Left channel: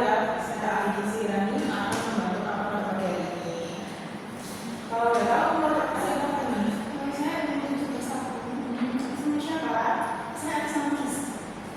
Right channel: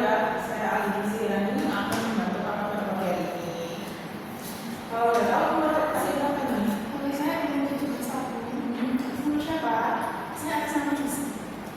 ya, saya ahli gizi dan ini akan membantu kakak pada pagi hari ini. Kalau udah tahu umur saya berapa nih? Saya umur 71. Sama siapa? Saya sama gizi.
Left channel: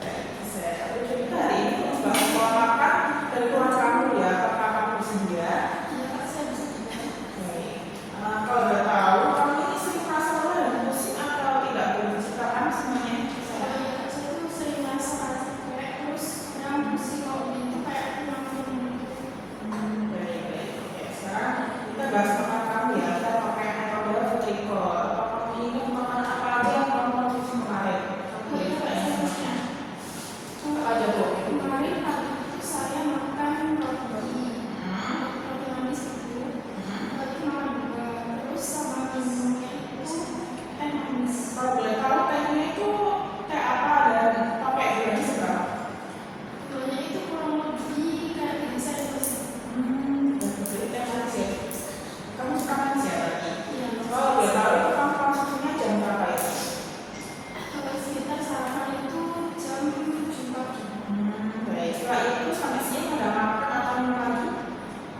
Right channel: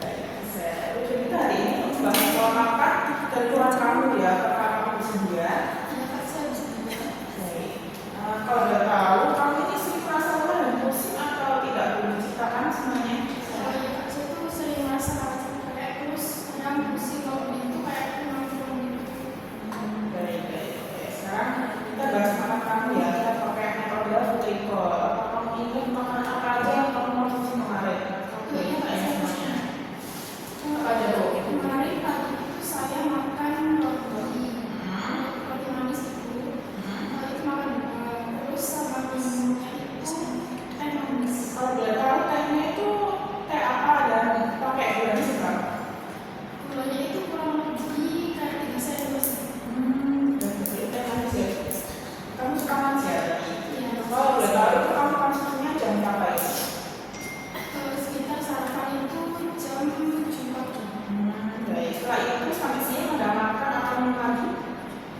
Baik, saya jadi hari ini membahas pola makan dari Tuhan kamu ya, apakah kamu bersedia? Iya Kak, saya bisa juga. Baik. Kalau udah tahu, kamu ini sering merasa lelah dan pusing atau tidak boleh diceritakan semuanya? Kalau ya Kak, saya tuh sering merasa capek, terus kadang pusing kalau itu kayak kurang gitu. Baik. Oke, sekarang kita bahas makan kamu ya. Kita pakai metode Futriko. Apa kamu ingat makanan apa aja yang kamu konsumsi kemarin? Kamu boleh tanya semuanya. Apa aja tuh? Kemarin pagi itu saya makan roti manis itu. Itu makan juga. Terus sama minumnya itu teh manis. Kalau boleh tahu tehnya itu teh apa dan pakai gulanya seberapa? Gulanya itu kurang lebih kayak 3 sendok. Dan beli teh manis ya. Kamu suka manis ya tadi? Iya. Kalau boleh tahu itu kamu konsumsinya jam berapa ya? Kalau sekitar sarapan itu jam 7 pagi. Baik. Setelah itu sampai siang ada makan atau minum lagi?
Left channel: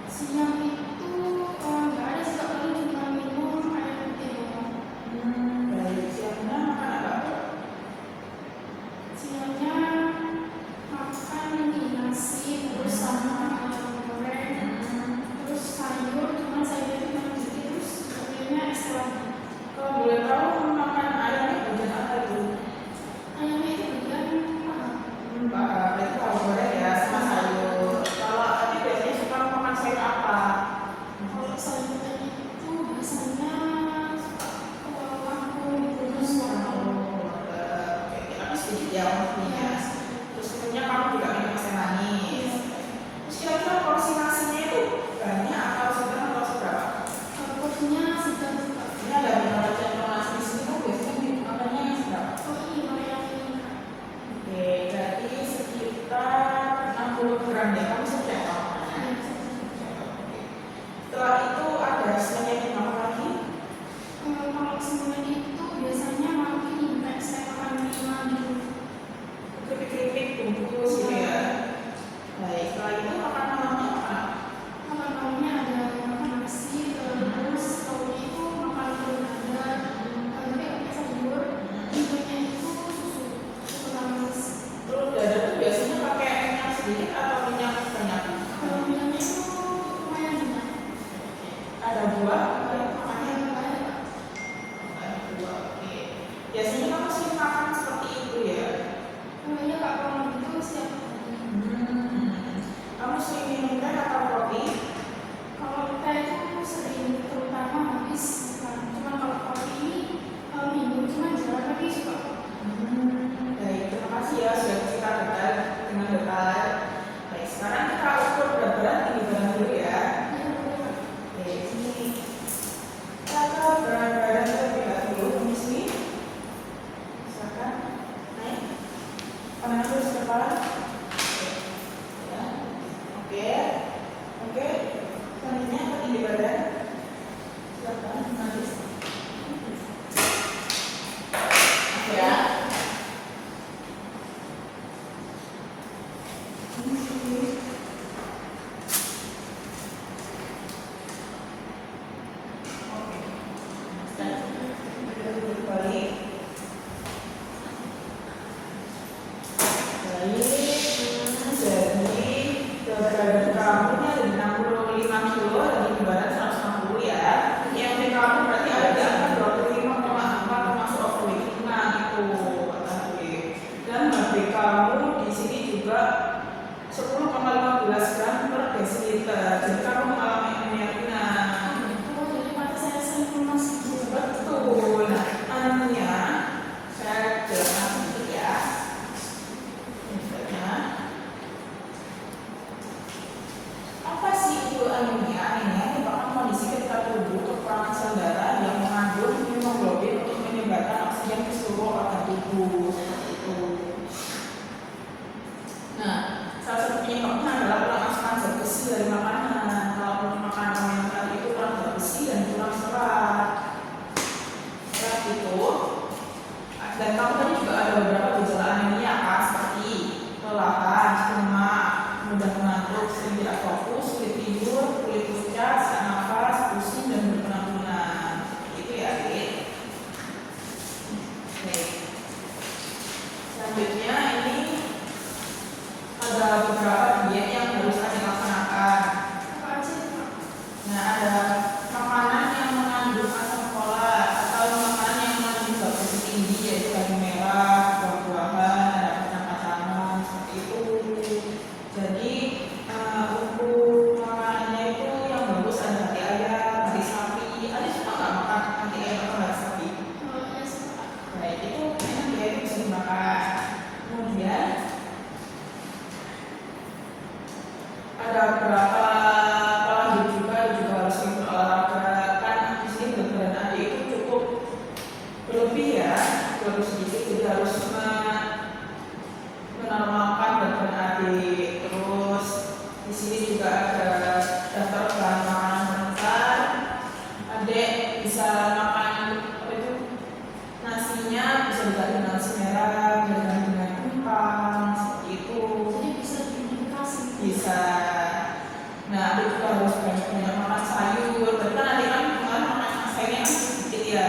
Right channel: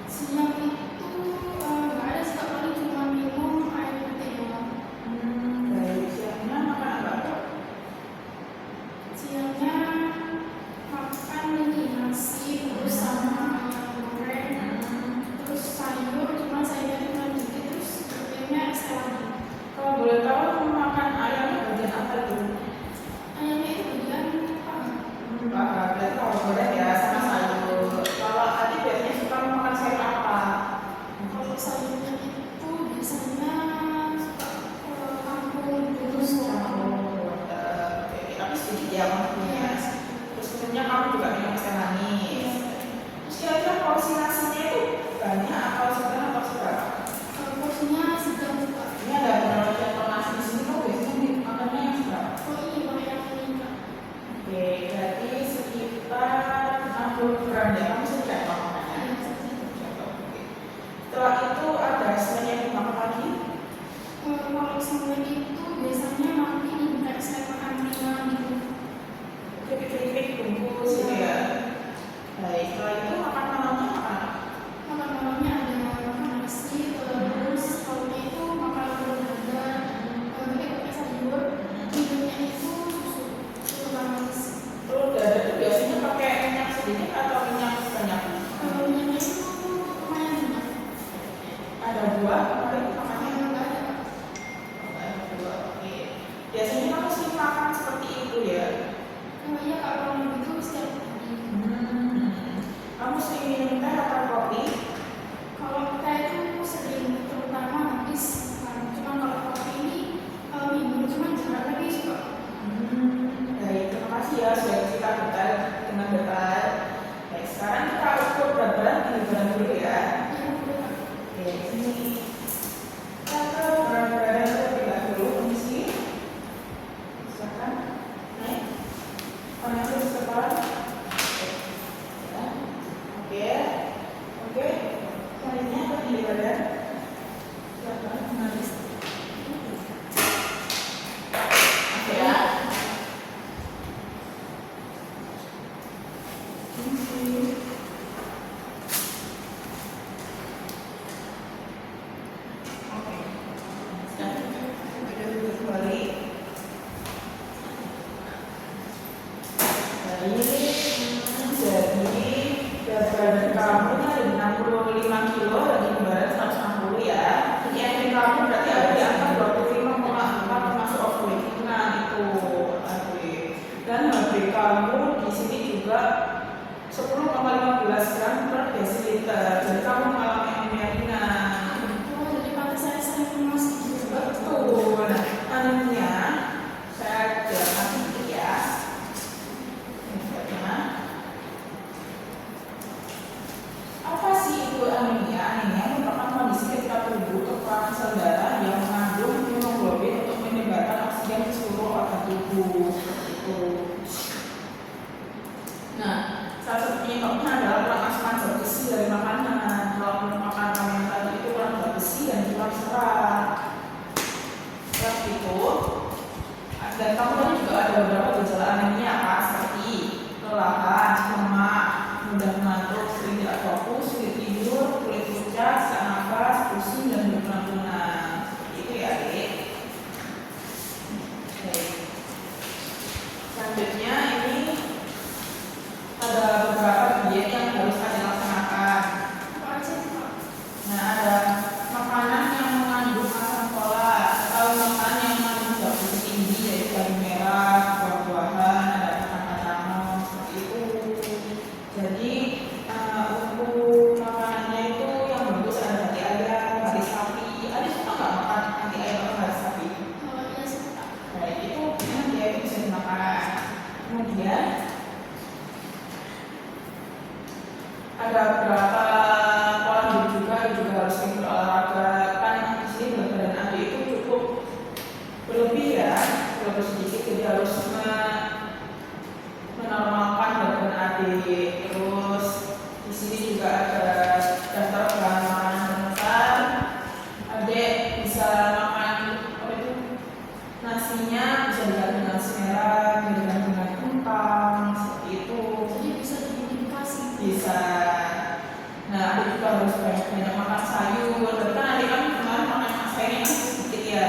Siang itu nggak ada sih Kak, paling cuma minum air putih doang. Baik. Siangnya makan apa tuh? Siangnya makan ini nasi terus sama ayam goreng, terus sayur, cuma sayurnya cuma sedikit, terus ayamnya es lagi. Kalau boleh tahu makan ayamnya bagian apa itu? Ayamnya itu bagian paha. Berarti kalau goreng ya sama sayur. Kalau tadi biasanya suka makan sayur apa? Kalau sayurnya itu biasanya suka kangkung, terus wortel. Oke, tapi sedikit ya maksudnya. Terus kemudian kamu juga minum es teh manis. Terus kira-kira porsi nasinya itu banyak atau sedang atau seberapa? Kalau porsinya sedang juga. Ini ada beberapa contoh nasi di sini tuh biasanya makannya yang seberapa? Oh ini banyak ini Kak. Oke, berarti sekitar 60 gram ya. Kamu bisa cetok makannya. Cetok, oke. Setelah itu ada snack yang dimakan lagi. Kalau semen itu biasanya makan ini kayak snack makan ringan gitu. Keripik bungkus gitu ya. Baik, setelah itu makan malamnya apa? Makan malamnya ada makan nasi, terus lauknya itu makan telur dadar, tapi pakai sayur. Minumnya itu susu manis. Telur dadar itu biasanya pakai minyak sedikit atau minyak banyak? Kalau minyaknya itu lumayan banyak. Ada buah kemarin makannya? Nggak ada Kak. Ada buah, oke. Biasanya kamu sering makan seperti itu ya? Iya Kak, kalau gitu setiap hari. Kamu sering minum teh atau kopi? Kalau teh itu aku sering, terutama habis makan. Cuma kalau kopi ini minum cuma jarang, tapi suka. Baik, terima kasih ya sudah cerita detail dengan detail. Baik, sekarang kita ukur berat badan tinggi badan dulu ya. Iya boleh Kak. Oke, sini. Kita berat badan terlebih dahulu di sini. Silakan naik. Pandang terus ke kepala. Ya. Oke. Selanjutnya ke tinggi badan. Silakan nanti. Oke ya. Oke. Sekarang duduk kembali. Jadi berat badan kamu ada 65 kilo dan tinggi badan 160 ya. Yang dari kamu berarti ada di angka 25,4 termasuk overweight. Nah itu overweight. Dan HB kamu di sini juga 10,15 gram per desiliter. Jadi kamu mengalami anemia. Oh, jadi pada saya sering masih gitu. Betul. Nah, anemia saya jelaskan sedikit ya. Ini sebabnya. Apa sih itu anemia? Anemia merupakan kondisi ketika tubuh kekurangan sel darah yang mengandung hemoglobin untuk menyebarkan oksigen ke seluruh organ tubuh seperti itu. Nah, salah satu penyebabnya adalah kurang asupan zat besi dari makanan. Kalau makanan kamu tadi itu kurang zat besi dan kurang serat. Setelah itu, dan kamu tadi juga ada beberapa gejala anemia kan, seperti kelelahan, lemah, mudah mengantuk. ada beberapa diet yang harus Ade laksanakan. Apa aja nih Kak? Nah, ada makanan yang mengandung asam folat atau makanan yang mengandung zat besi tinggi, yaitu daging merah, buah-buahan, ada kacang-kacangan seperti itu. Jadi untuk makanannya itu yang bagus ada hati ayam, hati sapi. Ada suka nggak makan hati ayam atau hati sapi? Ya suka. Baik, itu memang dia itu bisa dimakan. Kemudian ada beberapa pola hidup juga harus sering berolahraga. Kan di sini berat badan Ade itu cukup berlebih ya, berlebih sedikit, jadi harus menormalkan berat badan Ade. Terus di sini juga ada daftar bahan makanan pengantar. Ade bisa makan apa itu, nasinya bisa diganti nasi merah, diganti dengan kentang seperti itu. Jadi bisa dimodifikasi. Bisa. Nah, Ade juga harus banyak makan sayur. Tapi kan Ade kan kemarin makan sayurnya kan sedikit ya.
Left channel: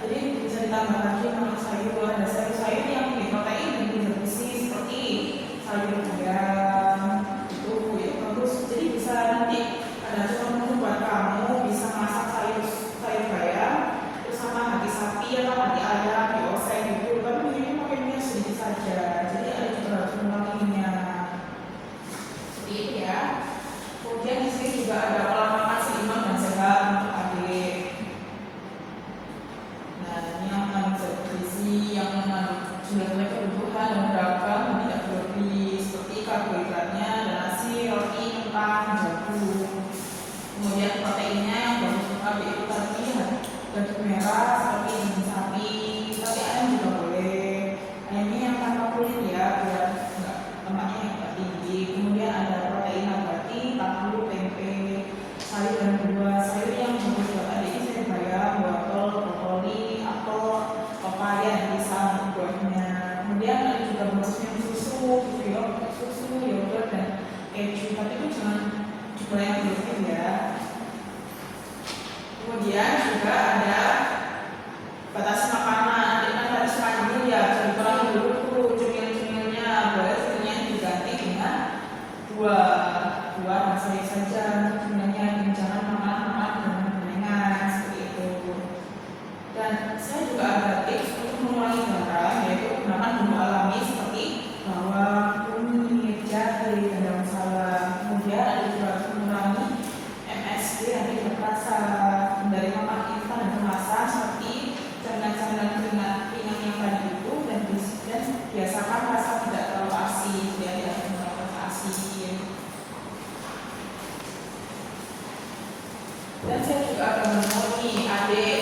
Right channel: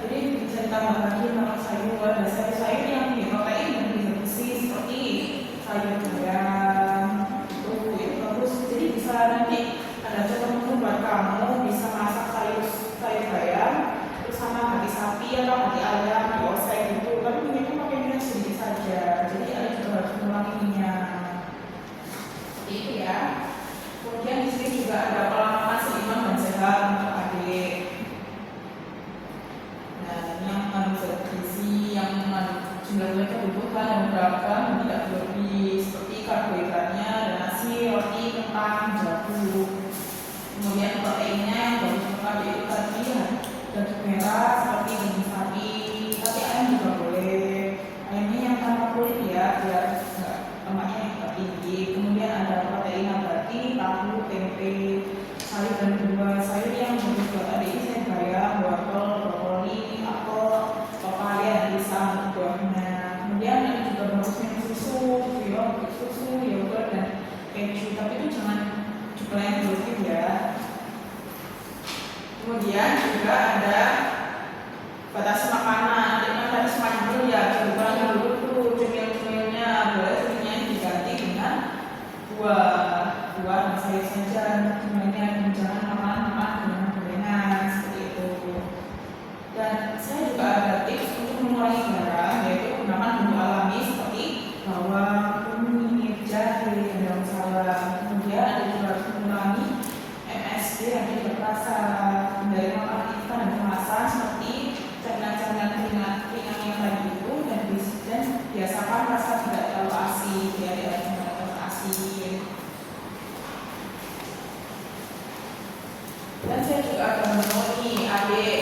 Jadi bisa ditambah lagi makan sayur. Ada sayur-sayur yang tinggi protein dan tinggi besi seperti sayur bayam. Itu bagus. Jadi bisa nanti ada contoh menu buat kamu, bisa masak sayur bayam bersama hati sapi atau hati ayam dioseng gitu. Tapi minyaknya pakai minyak sedikit saja. Jadi Ade juga harus mengurangi minyak. Seperti itu ya. Kemudian di sini juga ada pola makan seimbang dan sehat untuk adik. Nah, ini yang mengandung zat gizi, yang mengandung jumlah kebutuhan dan beragam dan tidak berlebih, seperti karbohidratnya ada nasi, roti, kentang, jagung. Kemudian proteinnya yang bagus untuk adik itu tadi daging merah seperti daging sapi, tapi ayam juga boleh. Ayamnya yang tanpa kulit ya, biar lemaknya yang tidak tinggi. Kemudian ada protein nabati, tahu, tempe, sayur dan buah. Sayur yang bagus buat adik ini sayur bayam, wortel, brokoli, apel, pepaya, pisang untuk buahnya. Kemudian ada juga bagus yang susu yogurt dan keju. Tapi itu jangan jumlah yang berlebih ya. Kemudian juga ada batasi makanan. Nanti kan tadi sepanjang dulu ya, bisa dikurangi dulu tuh cemil-cemilnya. Boleh cemilnya diganti dengan buah dan sayur saja. Cemilnya jangan makan dengan gorengan seperti itu. Dan saya juga ada tips untuk mengurangi garam, yaitu menggunakan bumbu alami seperti bawang, kunyit, jahe, dan daun salam. Kemudian ada juga harus mengurangi MSG yang tidak terasa dari makan ikan dan kemasan seperti camilan-camilan ringan yang tadi itu, dan biasakan rasa tidak terlalu asin, tidak terlalu asin. Dan saya juga ada menu nih, adik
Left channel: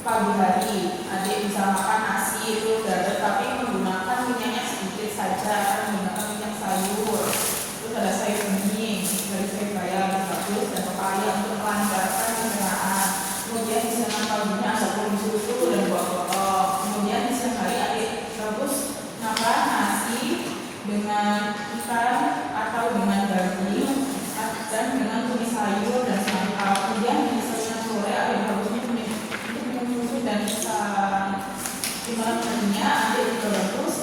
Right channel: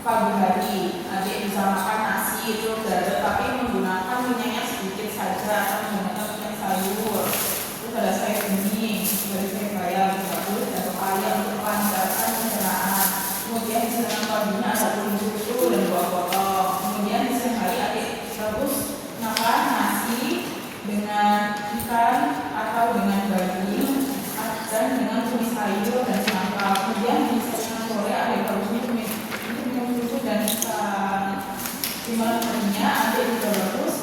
pagi hari, adik bisa makan nasi itu dadar tapi menggunakan minyaknya sedikit saja, akan menggunakan minyak sayur. Terus ada sayur bening, dari sayur bayam, bagus, dan pepaya untuk melancarkan pencernaan. Kemudian di siang paginya ada kuning susu dan buah potong. Kemudian di siang hari adik bagus makan nasi dengan ikan atau dengan daging dan dengan tumis sayur dan semangka. Kemudian di siang sore adik bagusnya minum susu dan di malam harinya adik juga bagus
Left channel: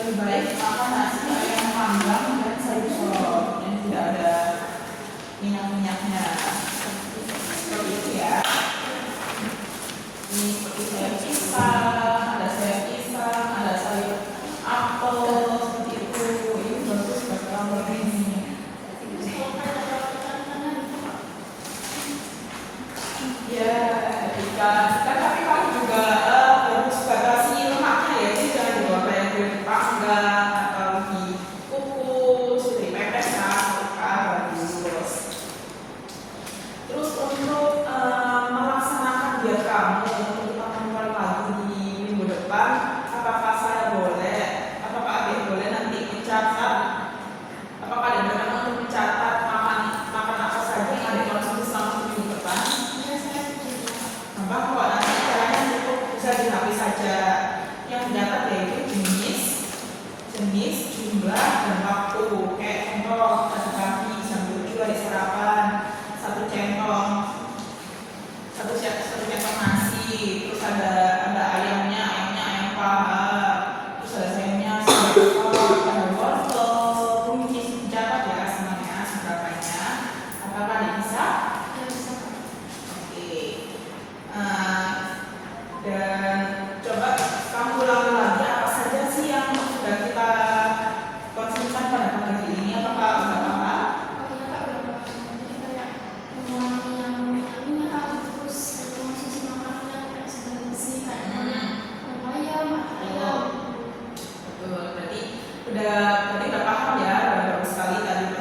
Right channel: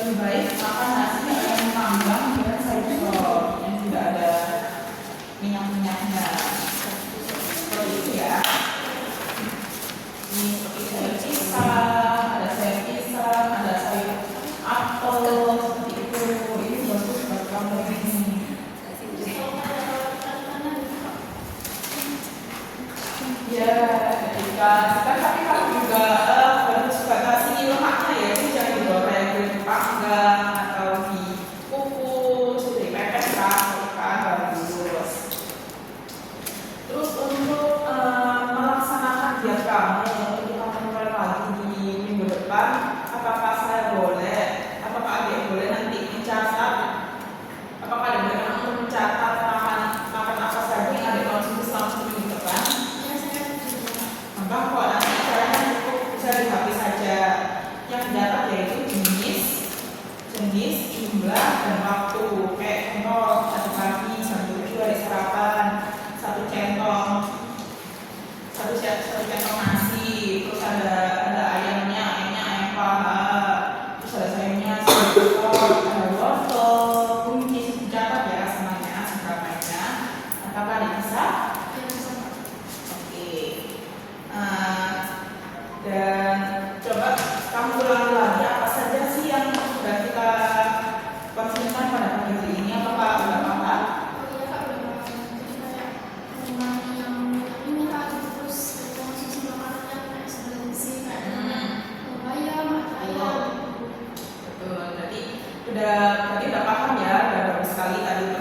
lebih baik makan nasi ayam panggang dan sayur sop yang tidak ada minyak-minyaknya. Seperti itu ya. Ini seperti sayur pisang, ada sayur pisang, ada sayur apel seperti itu. Ini bagus buat kamu ini. Ya, ikan tapi kamu juga harus batasi lemaknya ya, jadi jangan digoreng, dipanggang atau dikukus, dipepeskan, bagus. Terus untuk melaksanakan diet kamu untuk kita kontrol lagi di minggu depan, apakah saya boleh, apakah adik boleh nanti mencatat, apakah adik boleh untuk mencatat makan apa saja yang adik konsumsi selama minggu depan? Kok nanti caranya cukup bisa di HP saja. Yang dicatat yaitu jenis, jumlah, dan waktu. Kayak contoh pada pagi jam 7 hari sarapan, satu centong nasi, terus ada ayamnya ayam paha, terus ada sayurnya ada wortel, sekali tadi